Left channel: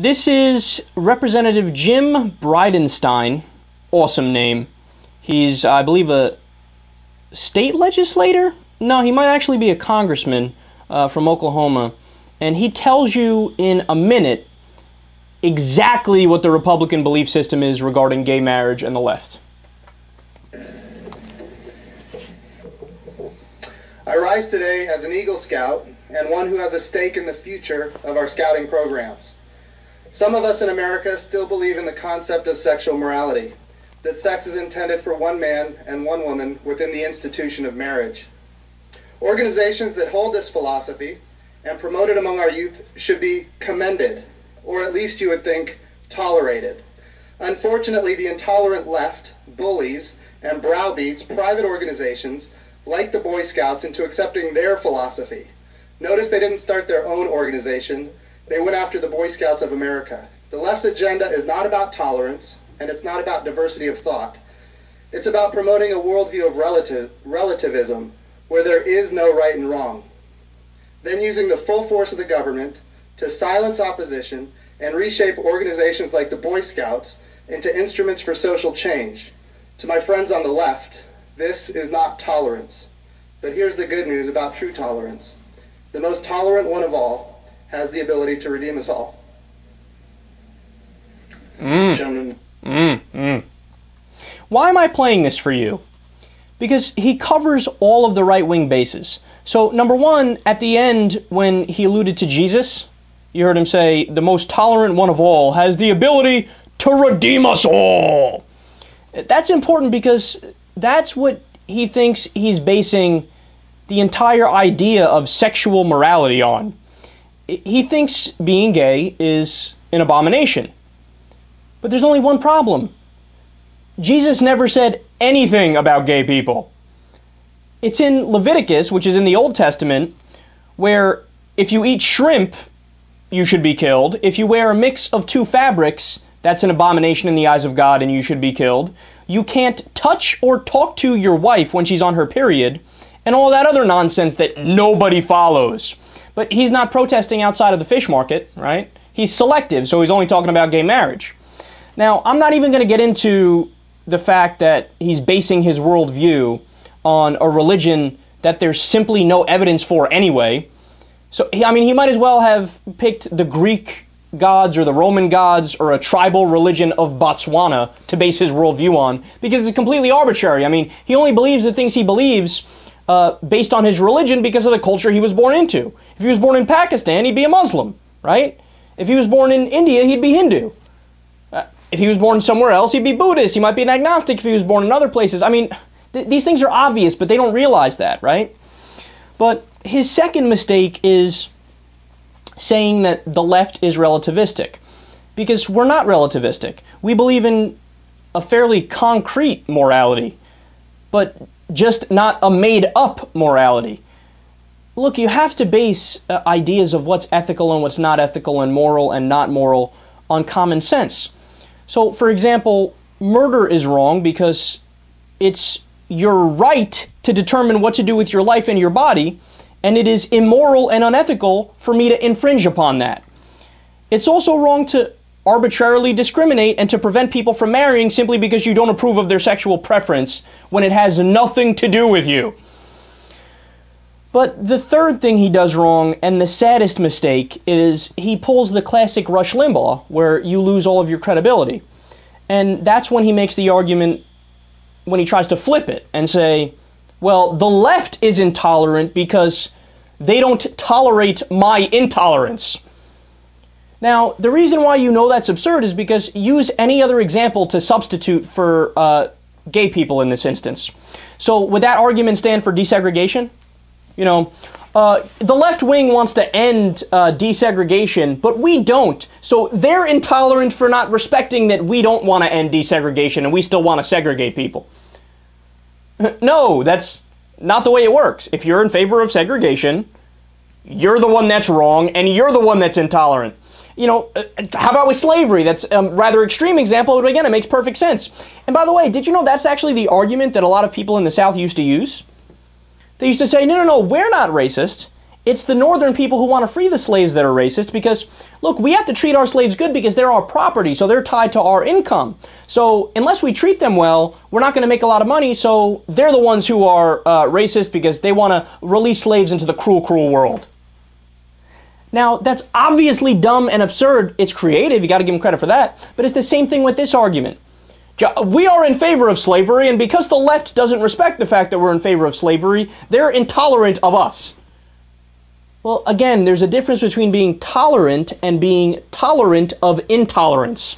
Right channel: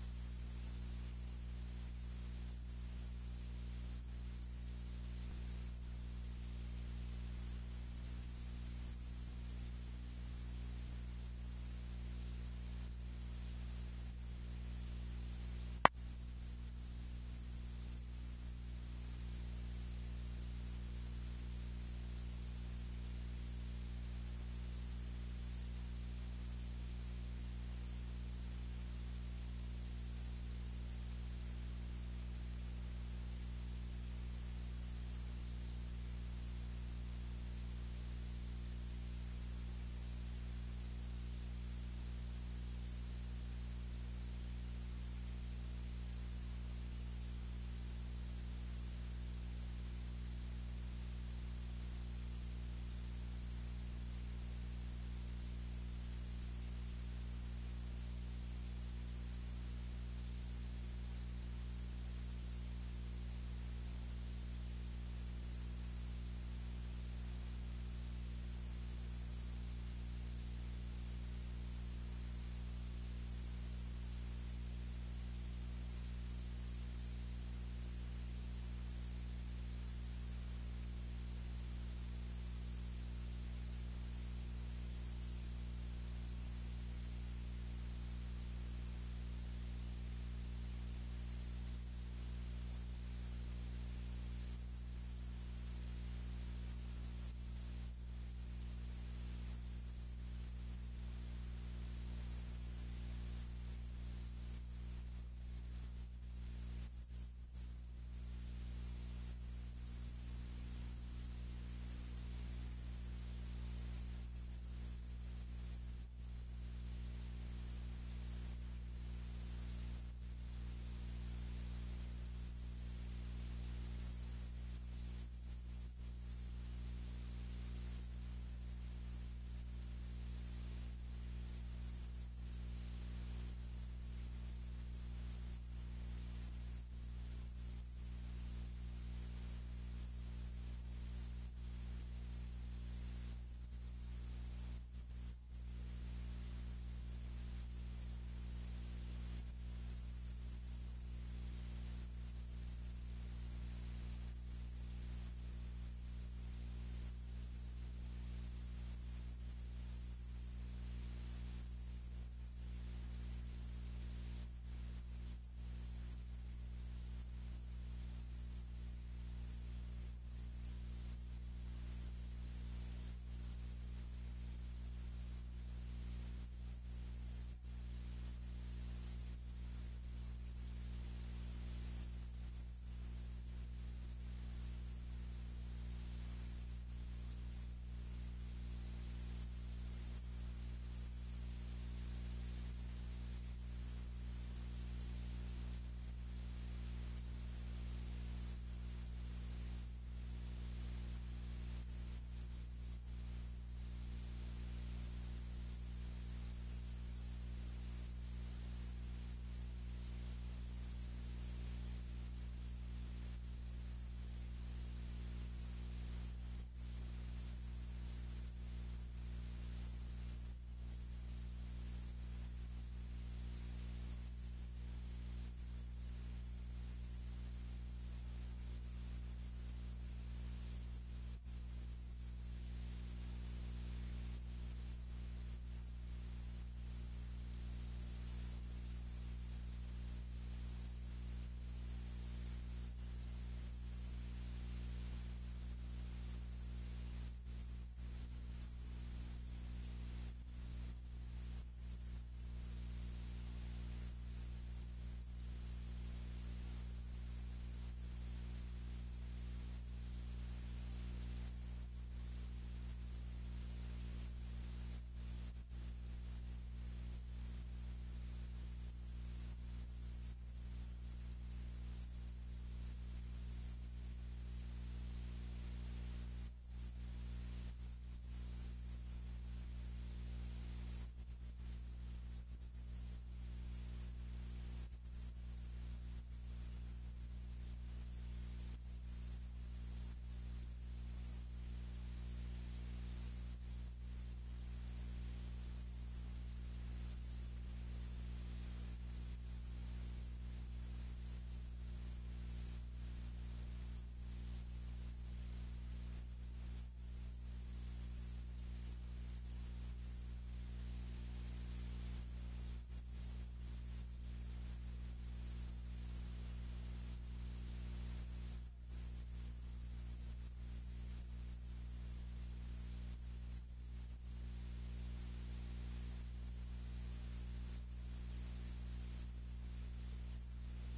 This is Representative Jim Bridenstine. Awesome name. He's, I believe, a state legislator? No, he might actually be a congressman from Oklahoma. And he tells you in a minute exactly what the Republican belief system is regarding gay marriage and the left. I rise today as an Eagle Scout and one who has a stake in the future of our scouting programs. Some of us in America still believe in the concept of sexual morality, that sex is intended for one man and one woman within the institution of marriage. Organizations that hold this philosophy and promote it among our youth should be commended, or at least you would think tolerated. Unfortunately, the intolerant left, bullies, and browbeats private organizations like the Boy Scouts into accepting their philosophy. Notice they didn't start their own organization. They went after the Boy Scouts of America. The left's agenda is not about tolerance, and it's not about diversity of thought. It's about promoting a worldview of relativism, where there is no right and wrong. Then using the full force of the government to silence opposition and reshape organizations like the Boy Scouts into instruments for social change. To my friends on the left, this is not tolerance. But here's the good news about true tolerance. The most tolerant one of all has the ability to redeem us all. Gentlemen. Why am I playing this for you? Because he covers all of the right-wing bases. So, number one, at the end, when he alluded to Jesus, you heard him say, the most tolerant one of all has the ability to redeem us all. That's important because that's what he thinks he's basing the entire idea of sexual morality on. He thinks being gay is an abomination. But there's only one problem. Jesus never said anything about gay people. It's in Leviticus, which is in the Old Testament, where if you eat shrimp, you should be killed. If you wear a mix of two fabrics, that's an abomination in the eyes of God and you should be killed. You can't touch or talk to your wife when she's on her period, and all that other nonsense that nobody follows. But he's not protesting outside of the fish market, right? He's selective, so he's only talking about gay marriage. Now, I'm not even going to get into the fact that he's basing his worldview on a religion that there's simply no evidence for anyway. So, I mean, he might as well have picked the Greek gods or the Roman gods or a tribal religion of Botswana to base his worldview on, because it's completely arbitrary. I mean, he only believes the things he believes based on his religion because of the culture he was born into. If he was born in Pakistan, he'd be a Muslim, right? If he was born in India, he'd be Hindu. If he was born somewhere else, he'd be Buddhist. He might be an agnostic if he was born in other places. I mean, these things are obvious, but they don't realize that, right? But his second mistake is saying that the left is relativistic, because we're not relativistic. We believe in a fairly concrete morality, but just not a made-up morality. Look, you have to base ideas of what's ethical and what's not ethical and moral and not moral on common sense. So, for example, murder is wrong because it's your right to determine what to do with your life and your body, and it is immoral and unethical for me to infringe upon that. It's also wrong to arbitrarily discriminate and to prevent people from marrying simply because you don't approve of their sexual preference when it has nothing to do with you. But the third thing he does wrong, and the saddest mistake, is he pulls the classic Rush Limbaugh, where you lose all of your credibility. And that's when he makes the argument, when he tries to flip it and say, well, the left is intolerant because they don't tolerate my intolerance. Now, the reason why you know that's absurd is because use any other example to substitute for gay people in this instance. So would that argument stand for desegregation? You know, the left wing wants to end desegregation, but we don't. So they're intolerant for not respecting that we don't want to end desegregation and we still want to segregate people. No, that's not the way it works. If you're in favor of segregation, you're the one that's wrong and you're the one that's intolerant. You know, how about with slavery? That's a rather extreme example, but again, it makes perfect sense. And by the way, did you know that's actually the argument that a lot of people in the South used to use? They used to say, no, we're not racist. It's the northern people who want to free the slaves that are racist because, look, we have to treat our slaves good because they're our property, so they're tied to our income. So unless we treat them well, we're not going to make a lot of money, so they're the ones who are racist because they want to release slaves into the cruel, cruel world. Now, that's obviously dumb and absurd. It's creative, you got to give them credit for that, but it's the same thing with this argument. We are in favor of slavery, and because the left doesn't respect the fact that we're in favor of slavery, they're intolerant of us. Well, again, there's a difference between being tolerant and being tolerant of intolerance.